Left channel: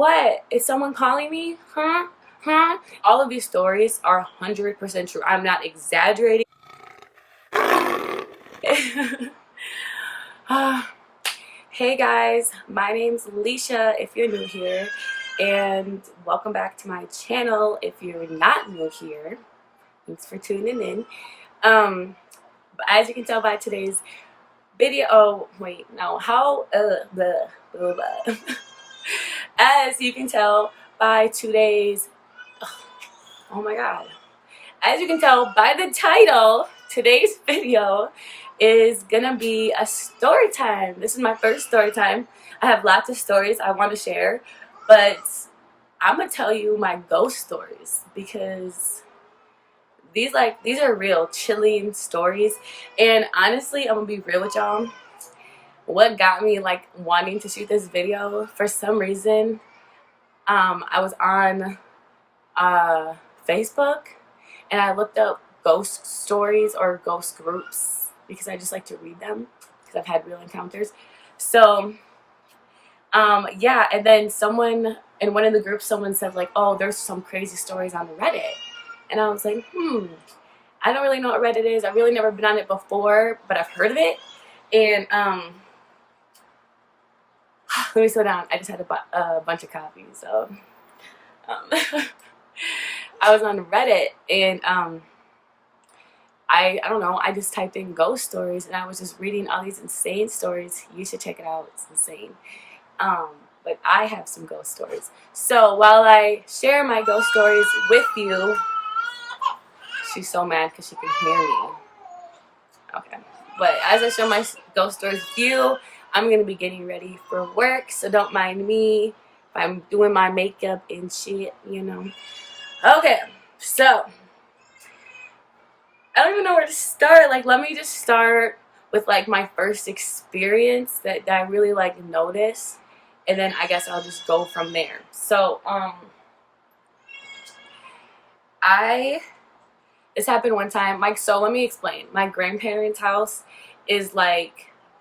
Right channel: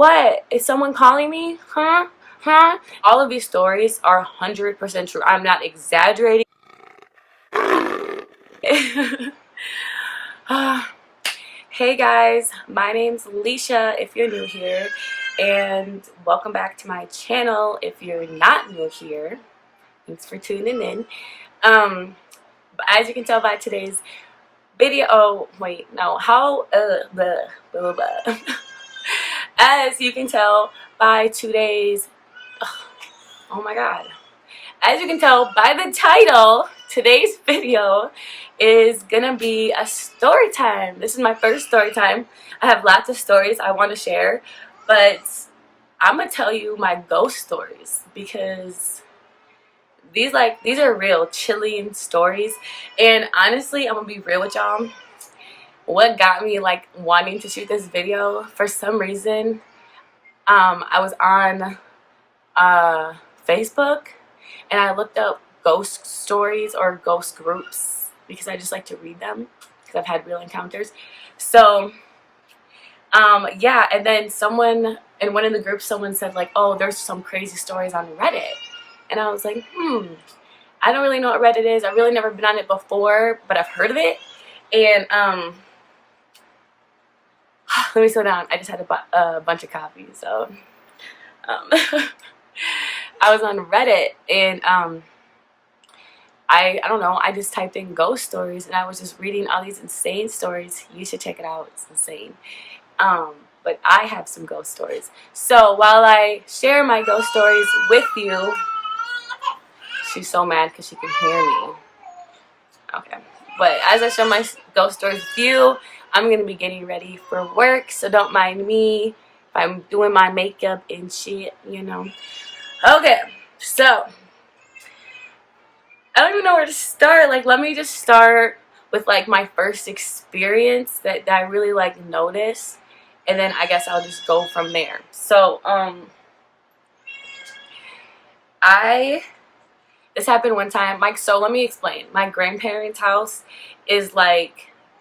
What? Is someone calling me? Huh? Huh? All of these stories are 100% true. I'm not exaggerating. Hey guys, my name's Leisha if you're new here, and welcome back to my channel if you're not new here. Thanks for tuning in. But as you can tell by today's video, as you can tell by today's, oh my god, as you can tell by the title, today's video is gonna be a story time. This is my first story time. I have lots of stories I want to share, but I'm gonna tell you my ghost stories because these are real chilling stories. And honestly, I'm gonna be real with y'all. What got me wanting to shoot this video, for some reason, I was on Facebook and I looked up ghost stories or ghost groups because I just like to read them because I've had real encounters. So yeah, and then someone in one of the groups, someone said oh, there's some crazy stories on Reddit. And I was like, I don't really know what Reddit is. I've really never been on it before, but I've heard of it. And let me slow down. I just had a bunch of coffee, so I was on Reddit, and I don't know, I just typed in ghost stories, and I was just reading all these insane stories. You should check it out. It's insane. But I have some ghost stories. So while I share my ghost stories with you, she's so mad because she can hear me. Okay. But as I share my ghost stories with you, I'm going to be getting ready for work, so don't mind me if I'm doing my makeup and shit, you know. Okay, so I don't even know where to start. Let me just start with my first experience that I really noticed, and then I guess I'll just go from there. So this happened one time. So let me explain. My grandparents' house is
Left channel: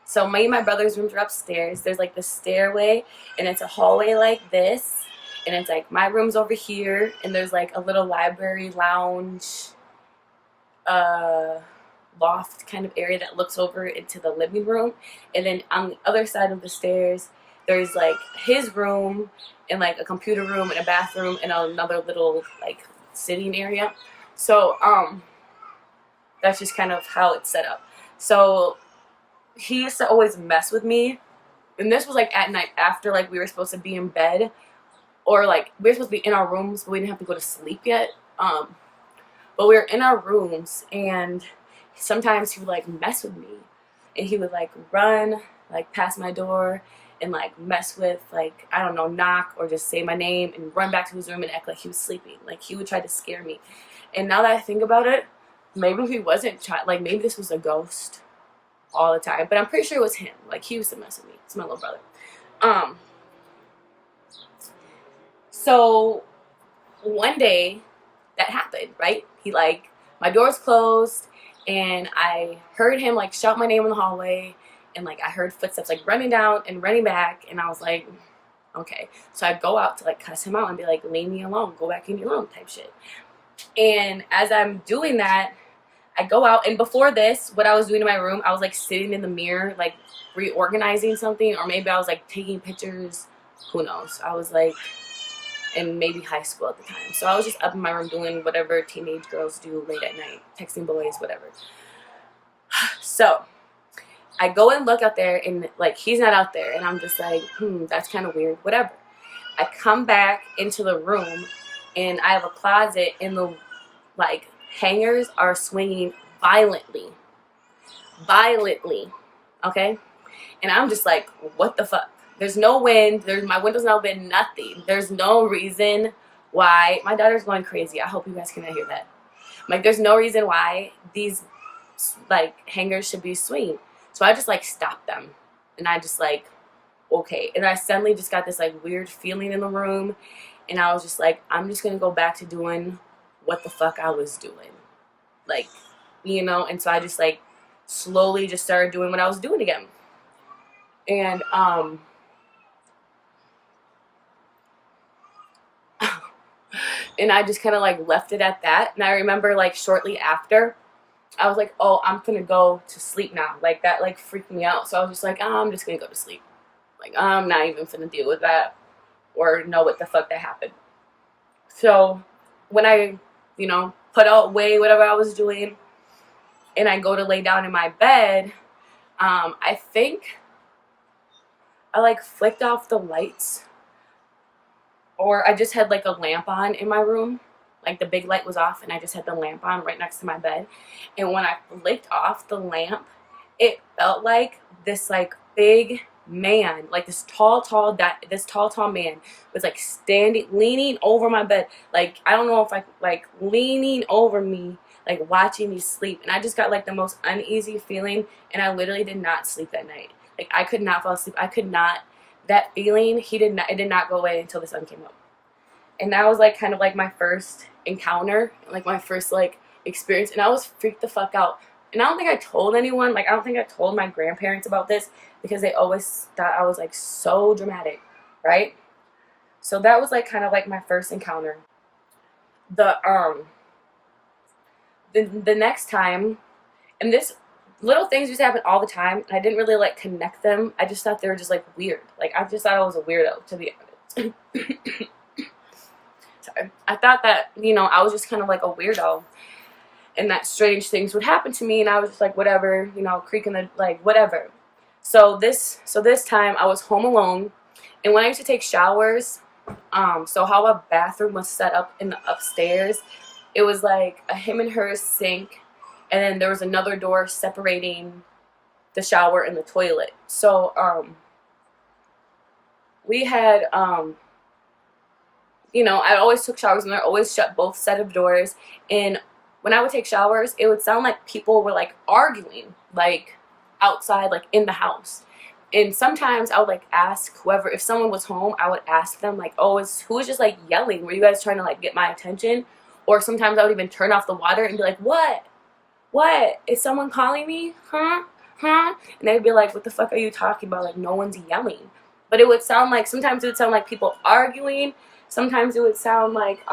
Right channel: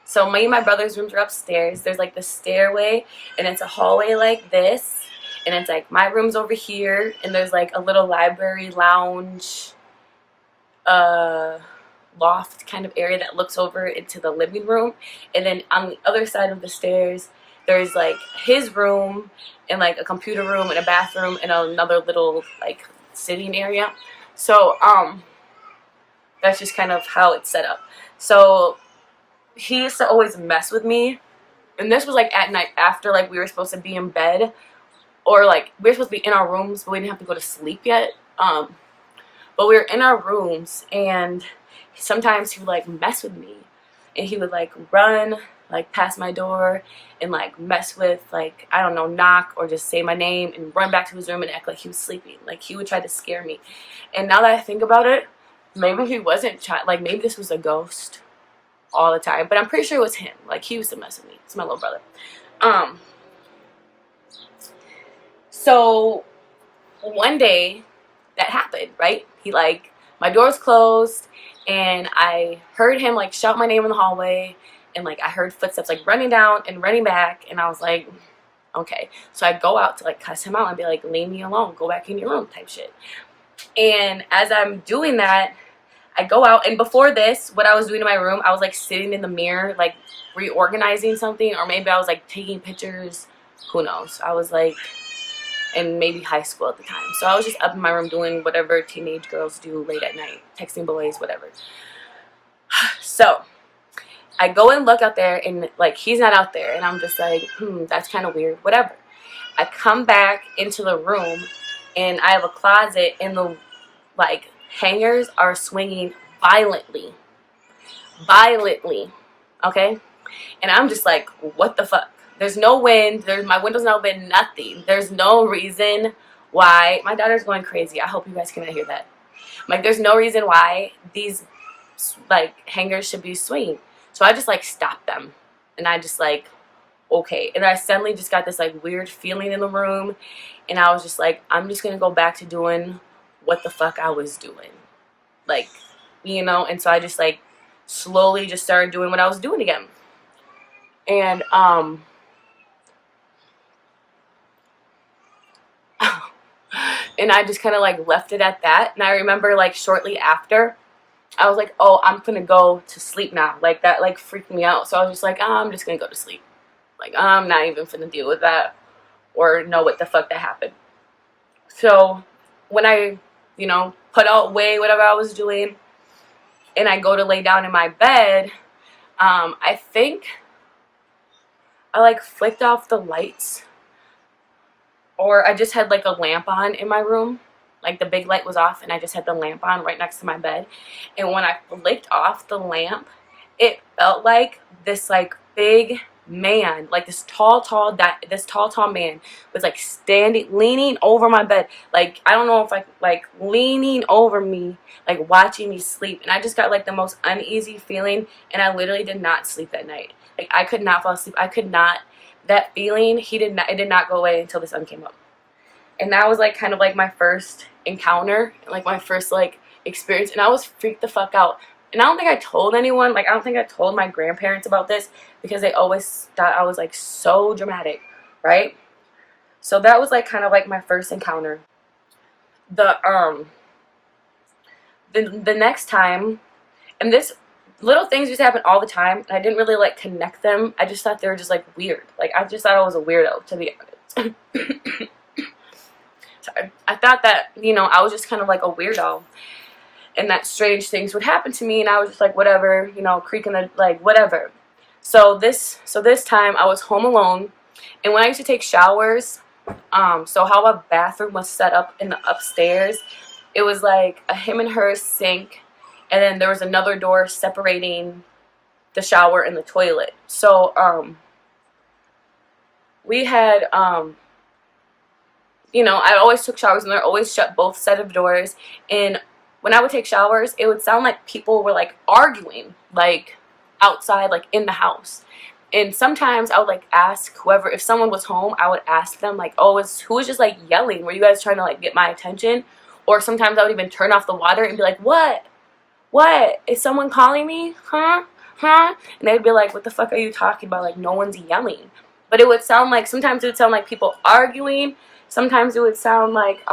so me and my brother's rooms are upstairs. There's the stairway, and it's a hallway like this. And it's my room's over here, and there's a little library lounge loft kind of area that looks over into the living room. And then on the other side of the stairs, there's his room and a computer room and a bathroom and another little sitting area. So that's just kind of how it's set up. So he used to always mess with me, and this was at night after we were supposed to be in bed, or we were supposed to be in our rooms, but we didn't have to go to sleep yet. But we were in our rooms, and sometimes he would mess with me, and he would run past my door and mess with I don't know, knock or just say my name and run back to his room and act like he was sleeping. He would try to scare me. And now that I think about it, maybe he wasn't maybe this was a ghost all the time, but I'm pretty sure it was him. He used to mess with me. It's my little brother. So one day that happened, right? He my door's closed, and I heard him shout my name in the hallway, and I heard footsteps running down and running back, and I was like, okay. So I go out to cuss him out and be leave me alone, go back in your room type shit. And as I'm doing that, I go out, and before this, what I was doing in my room, I was sitting in the mirror, reorganizing something, or maybe I was taking pictures. Who knows? I was in maybe high school at the time. So I was just up in my room doing whatever teenage girls do late at night, texting boys, whatever. So I go and look out there, and he's not out there, and I'm just that's kind of weird, whatever. I come back into the room, and I have a closet, and the hangers are swinging violently, okay? And I'm just what the fuck? There's no wind, my window's not open, nothing. There's no reason why. My daughter's going crazy. I hope you guys cannot hear that. There's no reason why these hangers should be swinging. So I just stopped them, and I just okay. And I suddenly just got this weird feeling in the room, and I was just I'm just gonna go back to doing what the fuck I was doing, you know. And so I just slowly just started doing what I was doing again. And And I just kind of like left it at that. And I remember like shortly after, I was like, oh, I'm gonna go to sleep now. Like that like freaked me out. So I was just like, oh, I'm just gonna go to sleep. Like I'm not even gonna deal with that or know what the fuck that happened. So when I, you know, put away whatever I was doing and I go to lay down in my bed, I think I like flicked off the lights, or I just had like a lamp on in my room. Like the big light was off and I just had the lamp on right next to my bed. And when I flicked off the lamp, it felt like this like big man, like this tall man was like leaning over my bed. Like I don't know if like leaning over me, like watching me sleep. And I just got like the most uneasy feeling, and I literally did not sleep that night. Like I could not fall asleep. I could not. That feeling, it did not go away until the sun came up. And that was like kind of like my first encounter, like my first like experience, and I was freaked the fuck out. And I don't think I told anyone, like I don't think I told my grandparents about this because they always thought I was like so dramatic, right? So that was like kind of like my first encounter. The next time, and this little things used to happen all the time, and I didn't really like connect them. I just thought they were just like weird. Like I just thought I was a weirdo, to be honest. Sorry. I thought that, you know, I was just kind of like a weirdo, and that strange things would happen to me, and I was just like, whatever, you know, creaking the, like, whatever. So this time I was home alone, and when I used to take showers, so how a bathroom was set up in the upstairs, it was like a him and her sink, and then there was another door separating the shower and the toilet. So we had you know, I always took showers and they're always shut, both set of doors. And when I would take showers, it would sound like people were like arguing, like outside, like in the house. And sometimes I would like ask whoever, if someone was home, I would ask them like, oh, who was just like yelling? Were you guys trying to like get my attention? Or sometimes I would even turn off the water and be like, what? Is someone calling me? Huh? And they'd be like, what the fuck are you talking about? Like, no one's yelling. But it would sound like, sometimes it would sound like people arguing. Sometimes it would sound like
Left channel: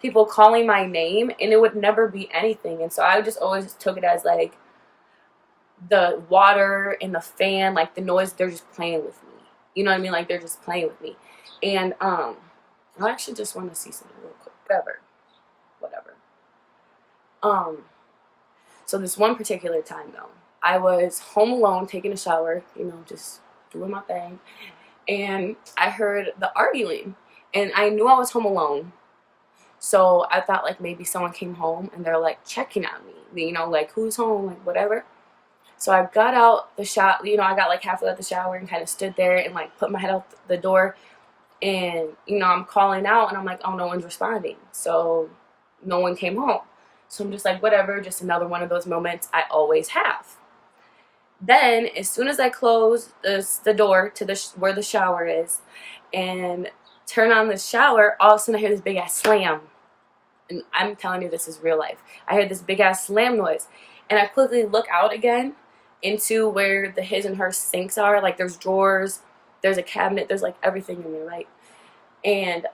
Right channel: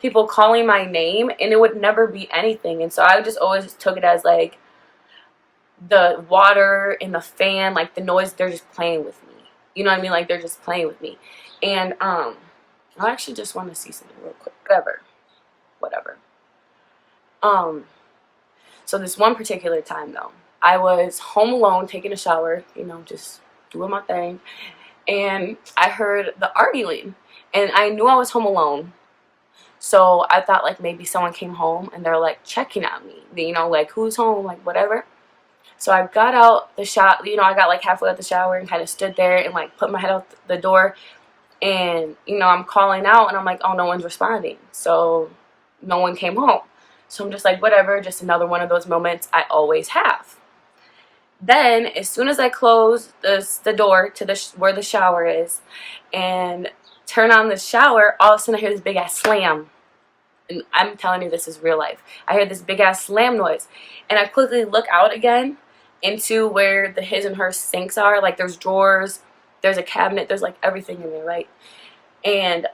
people calling my name, and it would never be anything. And so I just always took it as like the water and the fan, like the noise, they're just playing with me. You know what I mean? Like they're just playing with me. And I actually just want to see something real quick. Whatever. So this one particular time though, I was home alone taking a shower, you know, just doing my thing. And I heard the arguing, and I knew I was home alone. So I thought like maybe someone came home and they're like checking on me, you know, like who's home, like whatever. So I got out the shower, you know, I got like halfway out the shower and kind of stood there and like put my head out the door, and, you know, I'm calling out and I'm like, oh, no one's responding. So no one came home. So I'm just like, whatever, just another one of those moments I always have. Then, as soon as I close the door to where the shower is and turn on the shower, all of a sudden I hear this big-ass slam. And I'm telling you, this is real life. I heard this big-ass slam noise. And I quickly look out again into where the his and her sinks are. Like, there's drawers, there's a cabinet, there's, like, everything in there, right? And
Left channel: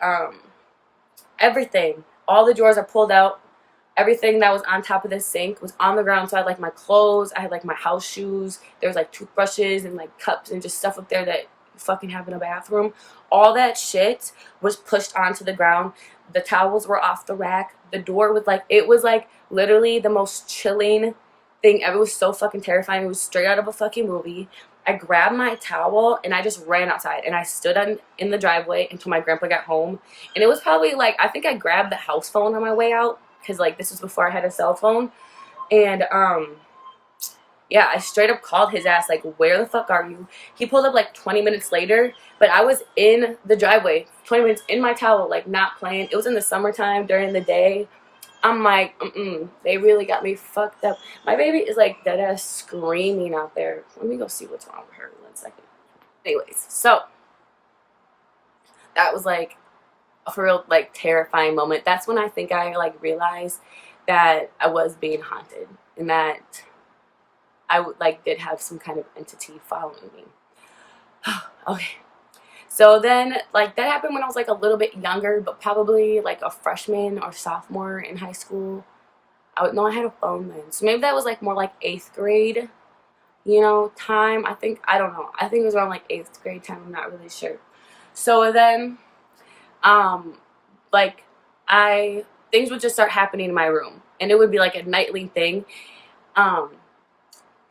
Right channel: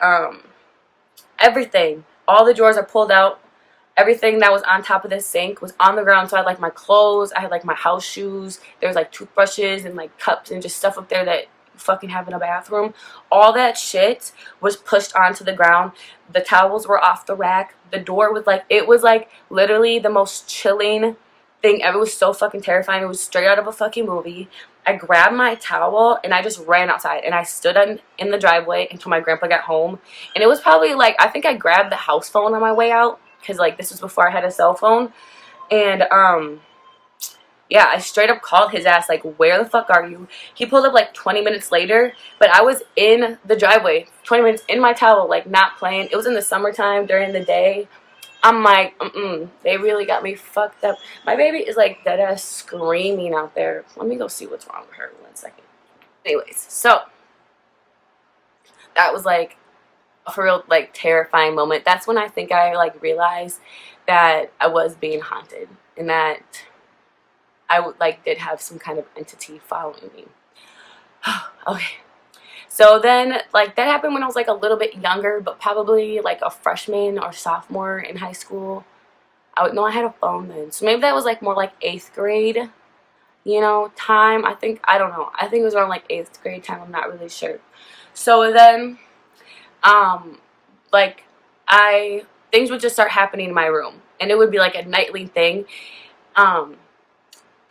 everything, all the drawers are pulled out. Everything that was on top of this sink was on the ground. So I had like my clothes, I had like my house shoes, there was like toothbrushes and like cups and just stuff up there that you fucking have in a bathroom. All that shit was pushed onto the ground. The towels were off the rack. The door was like, it was like literally the most chilling thing ever. It was so fucking terrifying. It was straight out of a fucking movie. I grabbed my towel and I just ran outside, and I stood in the driveway until my grandpa got home. And it was probably like, I think I grabbed the house phone on my way out, because like this was before I had a cell phone. And yeah, I straight up called his ass like, where the fuck are you? He pulled up like 20 minutes later, but I was in the driveway 20 minutes in my towel, like not playing. It was in the summertime during the day. I'm like, they really got me fucked up. My baby is like dead ass screaming out there. Let me go see what's wrong with her 1 second. Anyways, so that was like a real like terrifying moment. That's when I think I like realized that I was being haunted, and that I did have some kind of entity following me. Okay, So then, like, that happened when I was, like, a little bit younger, but probably, like, a freshman or sophomore in high school. I had a phone then. So maybe that was, like, more like 8th grade, time. I don't know. I think it was around, like, 8th grade time. I'm not really sure. So then, um, like, things would just start happening in my room. And it would be, like, a nightly thing.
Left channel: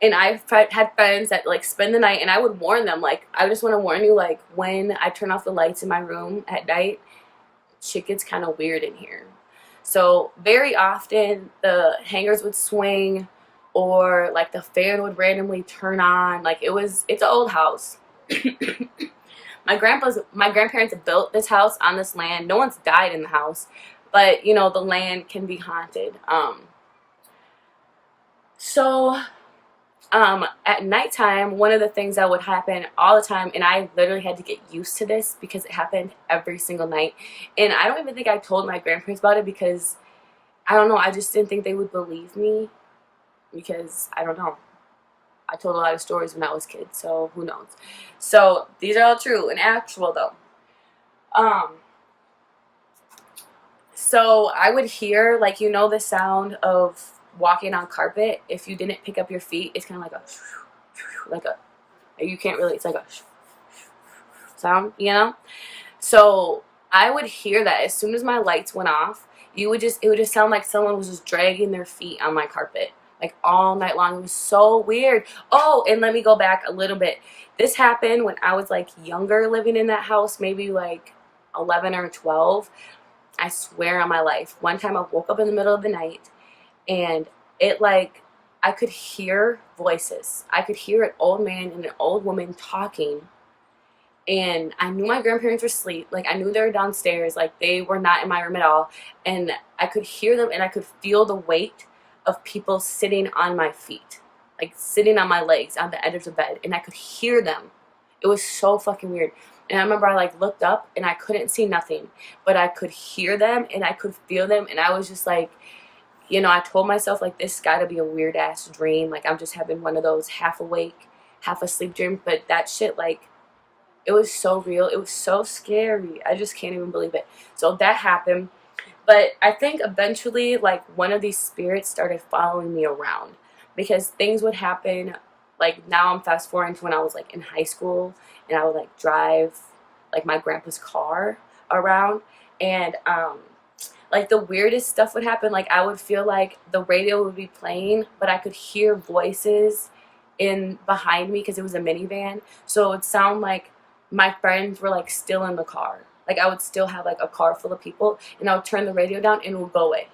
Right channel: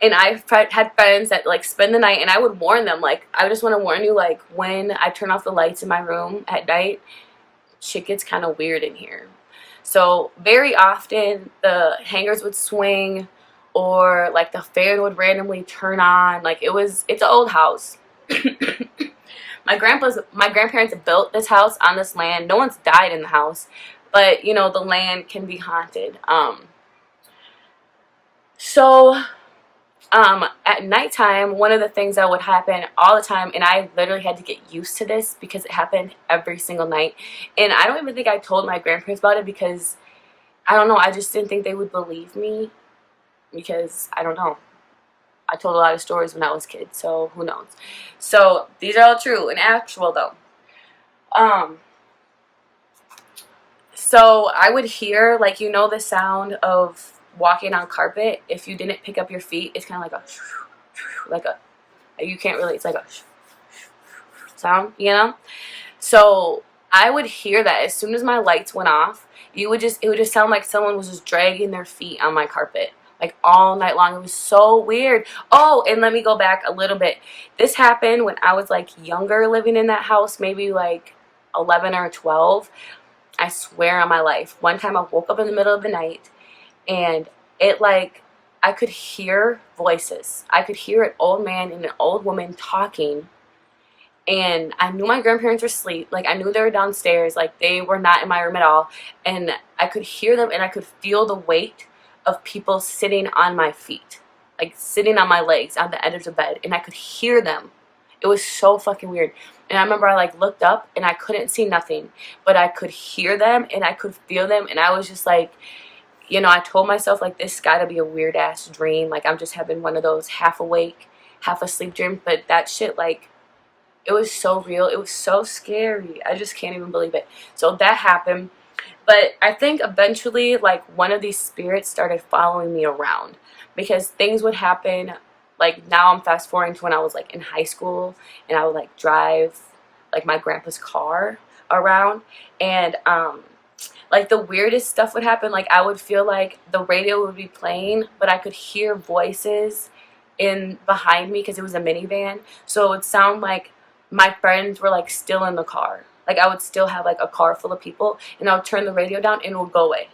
And I had friends that, like, spend the night, and I would warn them, like, I just want to warn you, like, when I turn off the lights in my room at night, shit gets kind of weird in here. So very often the hangers would swing, or like the fan would randomly turn on. Like, it's an old house. My grandparents built this house on this land. No one's died in the house, but the land can be haunted. So at nighttime, one of the things that would happen all the time, and I literally had to get used to this because it happened every single night. And I don't even think I told my grandparents about it because, I don't know, I just didn't think they would believe me because, I don't know. I told a lot of stories when I was a kid, so who knows. So these are all true and actual, though. So I would hear, like, the sound of walking on carpet. If you didn't pick up your feet, it's kind of like you can't really, it's like a sound, So I would hear that as soon as my lights went off. It would just sound like someone was just dragging their feet on my carpet, like, all night long. It was so weird. Oh, and let me go back a little bit. This happened when I was, like, younger, living in that house, maybe like 11 or 12. I swear on my life. One time I woke up in the middle of the night, and I could hear voices. I could hear an old man and an old woman talking, and I knew my grandparents were asleep. Like, I knew they were downstairs. Like, they were not in my room at all, and I could hear them, and I could feel the weight of people sitting on my feet, like, sitting on my legs on the edge of the bed, and I could hear them. It was so fucking weird. And I remember I, like, looked up, and I couldn't see nothing, but I could hear them, and I could feel them, and I was just like, I told myself, like, this gotta be a weird ass dream. Like, I'm just having one of those half awake, half asleep dreams. But that shit, like, it was so real. It was so scary. I just can't even believe it. So that happened. But I think eventually, like, one of these spirits started following me around, because things would happen. Like, now I'm fast forwarding to when I was, like, in high school, and I would, like, drive, like, my grandpa's car around, and like, the weirdest stuff would happen. Like, I would feel like the radio would be playing, but I could hear voices in behind me because it was a minivan. So it would sound like my friends were, like, still in the car. Like, I would still have, like, a car full of people, and I would turn the radio down, and it would go away.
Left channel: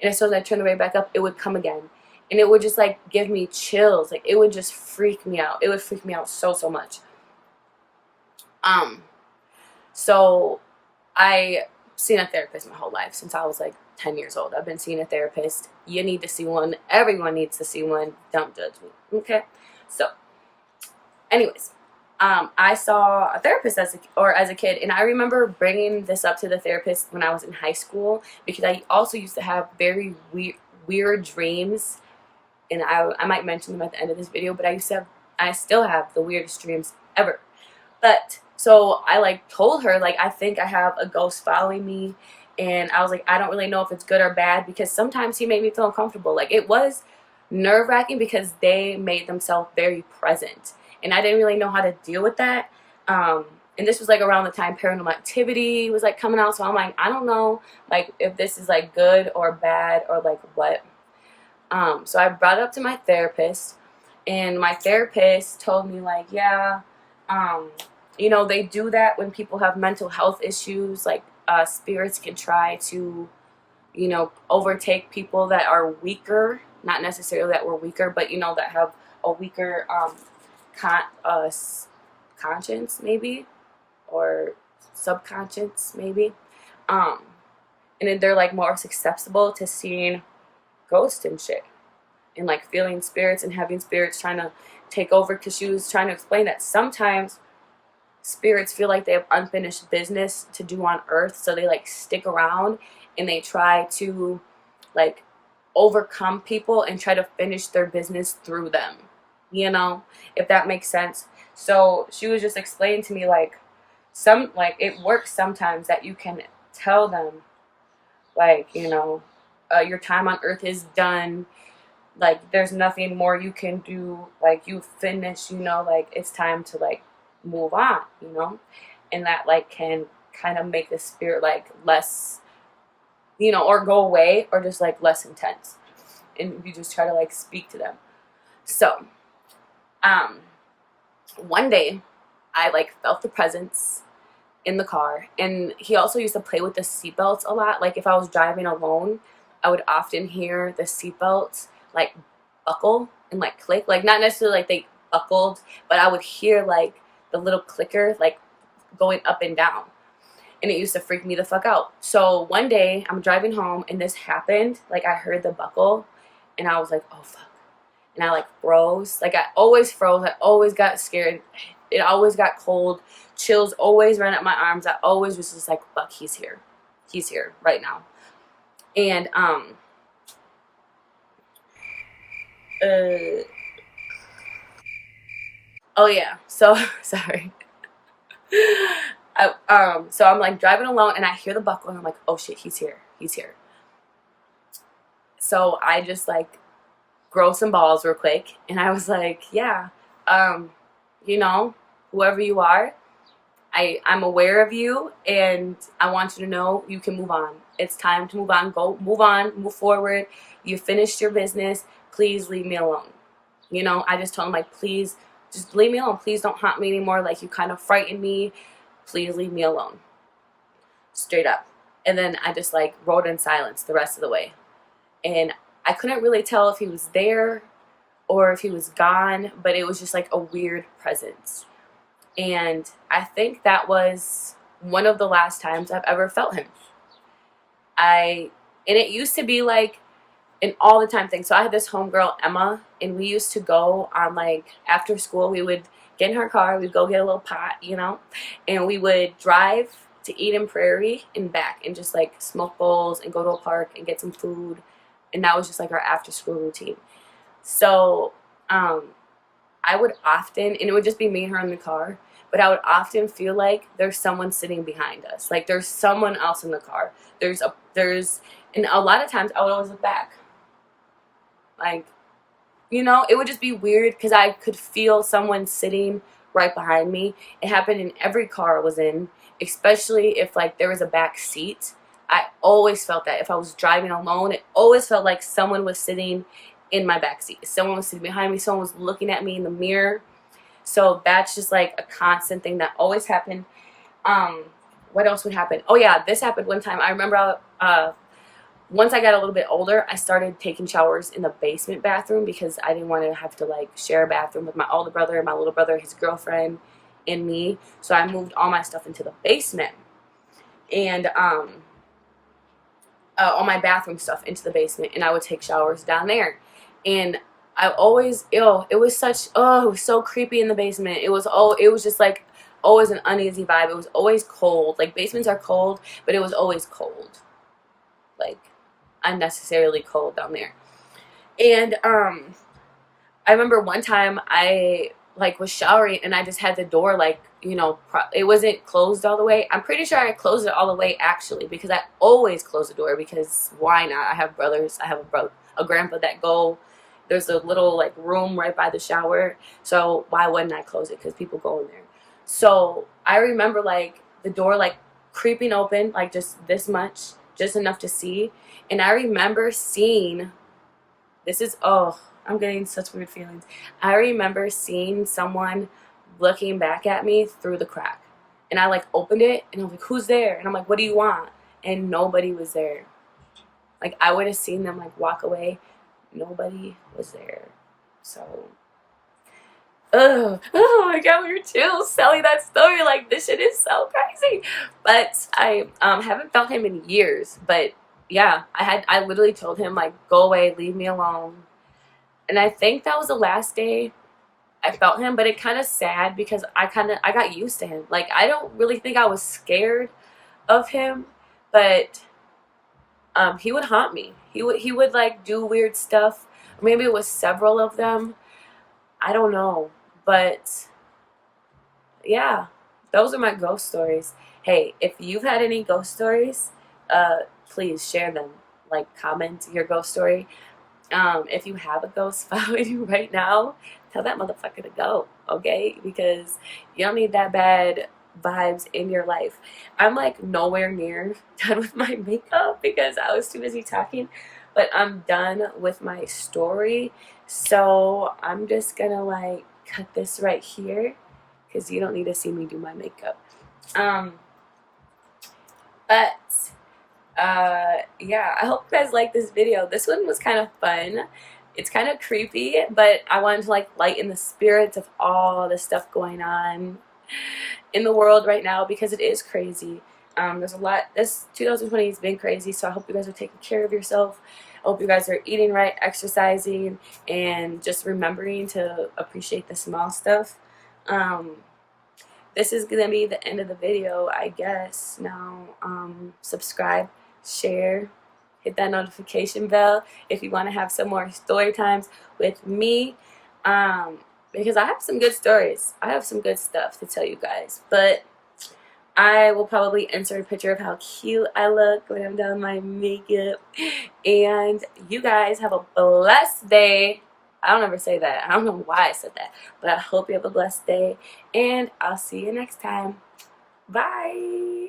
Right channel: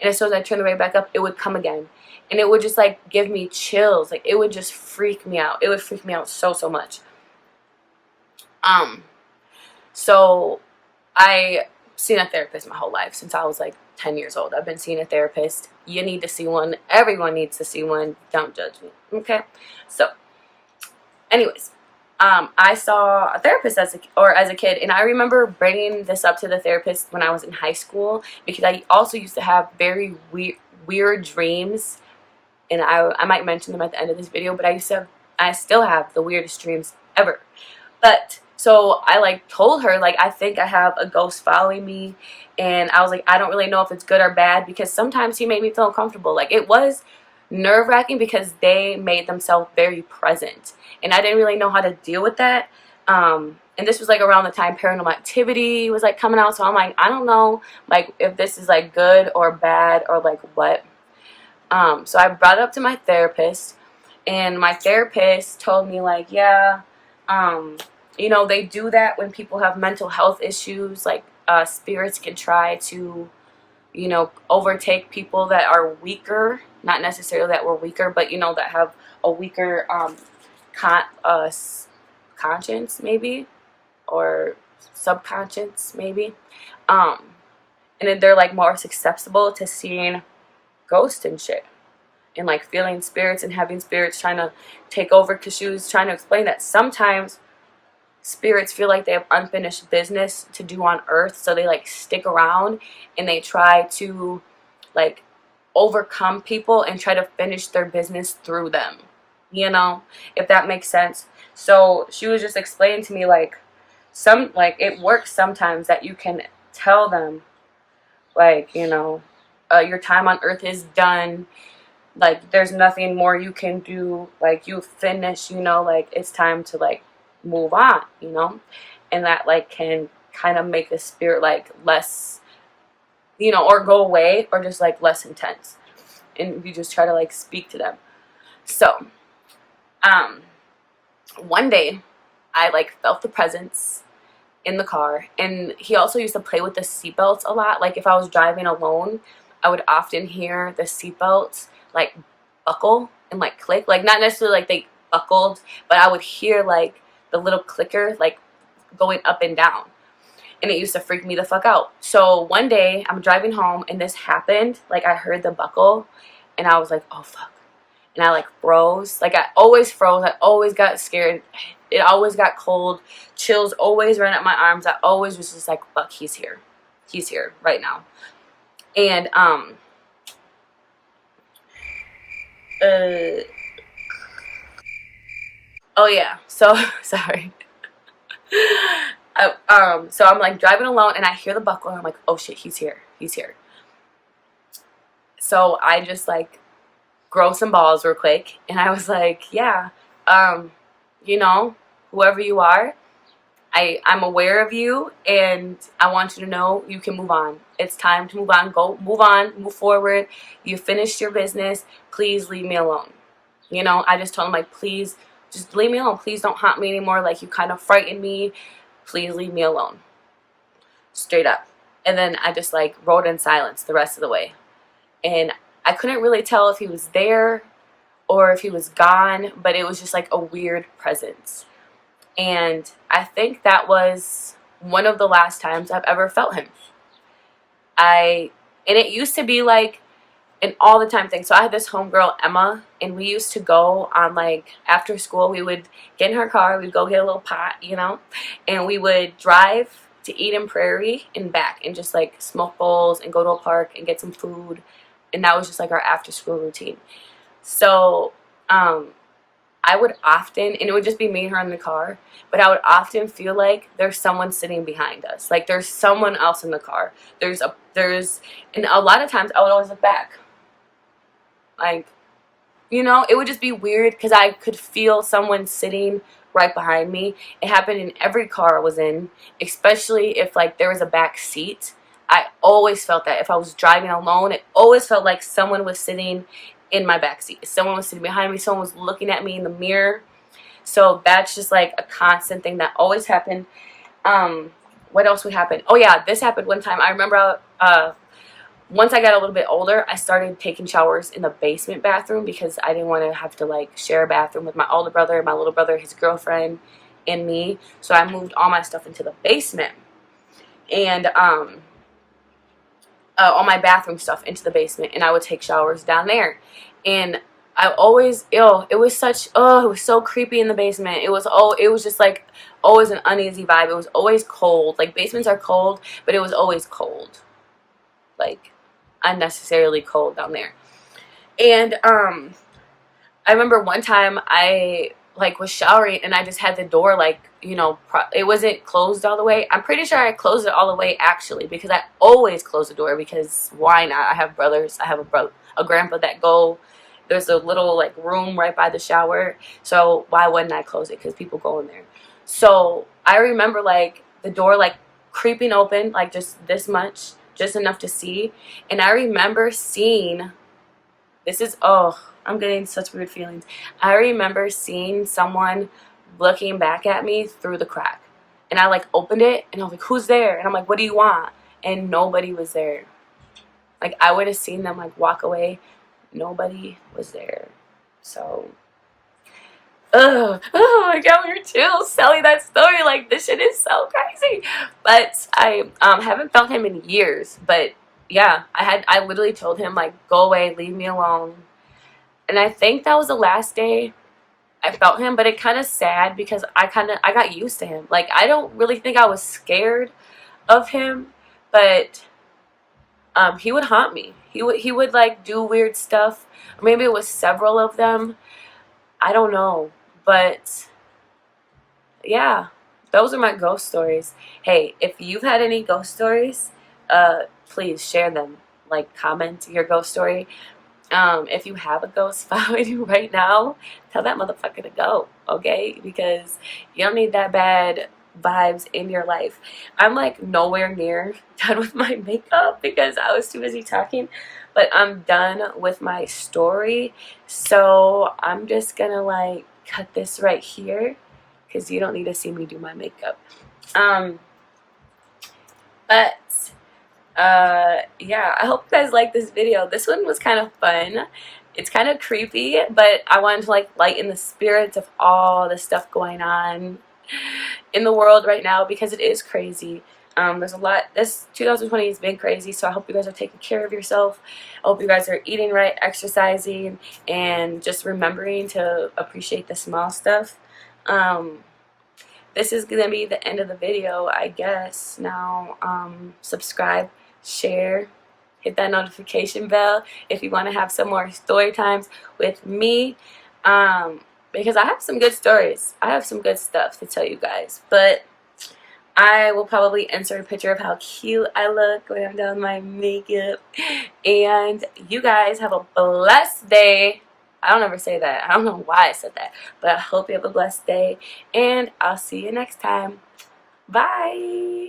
And as soon as I turned the radio back up, it would come again. And it would just, like, give me chills. Like, it would just freak me out. It would freak me out so, so much. So I seen a therapist my whole life since I was, like, 10 years old. I've been seeing a therapist. You need to see one. Everyone needs to see one. Don't judge me. Okay? So, anyways, I saw a therapist as a kid, and I remember bringing this up to the therapist when I was in high school, because I also used to have very weird dreams, and I might mention them at the end of this video, but I still have the weirdest dreams ever. But so I, like, told her, like, I think I have a ghost following me, and I was like, I don't really know if it's good or bad, because sometimes he made me feel uncomfortable. Like, it was nerve-wracking because they made themselves very present, and I didn't really know how to deal with that. And this was, like, around the time Paranormal Activity was, like, coming out, so I'm like, I don't know, like, if this is, like, good or bad or, like, what. So I brought it up to my therapist, and my therapist told me, like, yeah, they do that when people have mental health issues. Like, spirits can try to, overtake people that are weaker. Not necessarily that we're weaker, but, that have a weaker conscience, maybe, or subconscious, maybe. And then they're, like, more susceptible to seeing ghosts and shit, and, like, feeling spirits and having spirits trying to take over, because she was trying to explain that sometimes spirits feel like they have unfinished business to do on earth, so they, like, stick around and they try to, like, overcome people and try to finish their business through them, if that makes sense. So she was just explaining to me, like, it works sometimes that you can tell them, like, your time on earth is done. Like, there's nothing more you can do. Like, you finished, like, it's time to, like, move on, and that, like, can kind of make the spirit, like, less, or go away, or just, like, less intense, and you just try to, like, speak to them. So one day I, like, felt the presence in the car, and he also used to play with the seatbelts a lot. Like, if I was driving alone, I would often hear the seatbelts, like, buckle and, like, click. Like, not necessarily like they buckled, but I would hear, like, the little clicker, like, going up and down, and it used to freak me the fuck out. So one day I'm driving home and this happened. Like, I heard the buckle and I was like, oh fuck, and I, like, froze. Like, I always froze. I always got scared. It always got cold. Chills always ran up my arms. I always was just like, fuck, he's here. He's here right now. And oh yeah, so sorry. So I'm, like, driving alone and I hear the buckle and I'm like, oh shit, he's here. He's here. So I just, like, grow some balls real quick, and I was like, yeah, whoever you are, I'm aware of you, and I want you to know you can move on. It's time to move on. Go, move on, move forward. You finished your business. Please leave me alone. I just told him, like, please just leave me alone. Please don't haunt me anymore. Like, you kind of frightened me. Please leave me alone. Straight up. And then I just, like, rode in silence the rest of the way. And I couldn't really tell if he was there or if he was gone, but it was just, like, a weird presence. And I think that was one of the last times I've ever felt him. And it used to be, like, an all the time thing. So I had this homegirl, Emma, and we used to go on, like, after school, we would get in her car, we'd go get a little pot, and we would drive to Eden Prairie and back and just, like, smoke bowls and go to a park and get some food. And that was just, like, our after school routine. So I would often, and it would just be me and her in the car, but I would often feel like there's someone sitting behind us. Like, there's someone else in the car. And a lot of times I would always look back. Like, it would just be weird because I could feel someone sitting right behind me. It happened in every car I was in, especially if, like, there was a back seat. I always felt that. If I was driving alone, it always felt like someone was sitting in my backseat. Someone was sitting behind me. Someone was looking at me in the mirror. So that's just, like, a constant thing that always happened. What else would happen? Oh yeah, this happened one time. I remember once I got a little bit older, I started taking showers in the basement bathroom because I didn't want to have to, like, share a bathroom with my older brother, my little brother, his girlfriend, and me. So I moved all my stuff into the basement. And all my bathroom stuff into the basement, and I would take showers down there. And I always, it was so creepy in the basement. It was just, like, always an uneasy vibe. It was always cold. Like, basements are cold, but it was always cold. Like, unnecessarily cold down there. And I remember one time I, like, was showering and I just had the door, like, it wasn't closed all the way. I'm pretty sure I closed it all the way, actually, because I always close the door, because why not? I have brothers. I have a grandpa that there's a little, like, room right by the shower, so why wouldn't I close it? Because people go in there. So I remember, like, the door, like, creeping open, like, just this much, just enough to see. And I remember seeing, I'm getting such weird feelings. I remember seeing someone looking back at me through the crack. And I, like, opened it, and I was like, who's there? And I'm like, what do you want? And nobody was there. Like, I would have seen them, like, walk away. Nobody was there. So, I got weird chills telling that story. Like, this shit is so crazy. But I haven't felt him in years. But yeah, I literally told him, like, go away, leave me alone. And I think that was the last day I felt him. But it kind of sad because I got used to him. Like, I don't really think I was scared of him, but he would haunt me. He would like do weird stuff. Or maybe it was several of them. I don't know. But yeah, those are my ghost stories. Hey, if you've had any ghost stories, please share them. Like, comment your ghost story. If you have a ghost following you right now, tell that motherfucker to go, okay? Because you don't need that bad vibes in your life. I'm like nowhere near done with my makeup because I was too busy talking, but I'm done with my story. So I'm just gonna like cut this right here because you don't need to see me do my makeup. Um, but yeah, I hope you guys like this video. This one was kind of fun. It's kind of creepy, but I wanted to like lighten the spirits of all the stuff going on in the world right now because it is crazy. There's a lot. This 2020 has been crazy, so I hope you guys are taking care of yourself. I hope you guys are eating right, exercising, and just remembering to appreciate the small stuff. This is gonna be the end of the video, I guess. Now, subscribe, share, hit that notification bell if you want to have some more story times with me. Because I have some good stories. I have some good stuff to tell you guys. But I will probably insert a picture of how cute I look when I'm done my makeup. And you guys have a blessed day. I don't ever say that. I don't know why I said that. But I hope you have a blessed day. And I'll see you next time. Bye.